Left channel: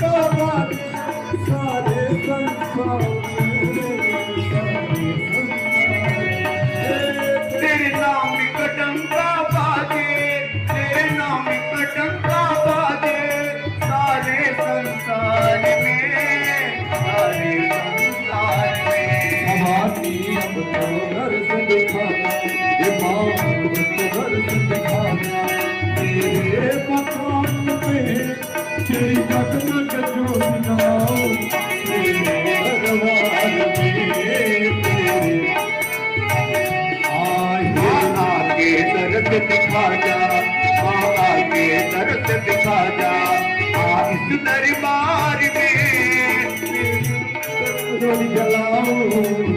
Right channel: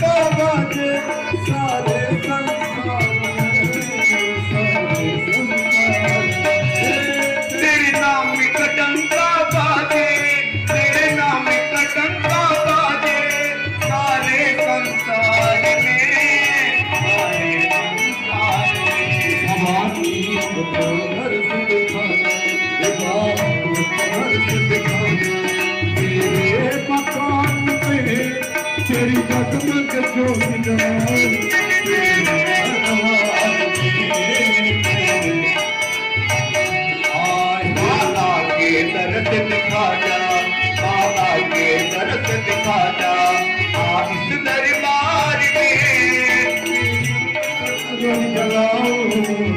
का बाजे सारे संसार तेरे नाम का डंका बाजे, तेरे नाम का डंका बाजे सारे संसार में, सारे संसार में। हमारी अब तो घर से दिखाना ये बात तो घर से दिखाना तेरे मकान पे तेरी जगमग ज्योति जलाओ तेरे दरबार में आके दर्द दिखा जा, आके दर्द दिखा जा, इस दरबार में ज्योति जलाओ